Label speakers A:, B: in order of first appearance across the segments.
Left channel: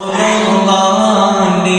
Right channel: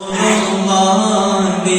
A: റഹ്മാന്റെ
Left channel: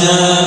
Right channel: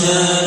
B: شاء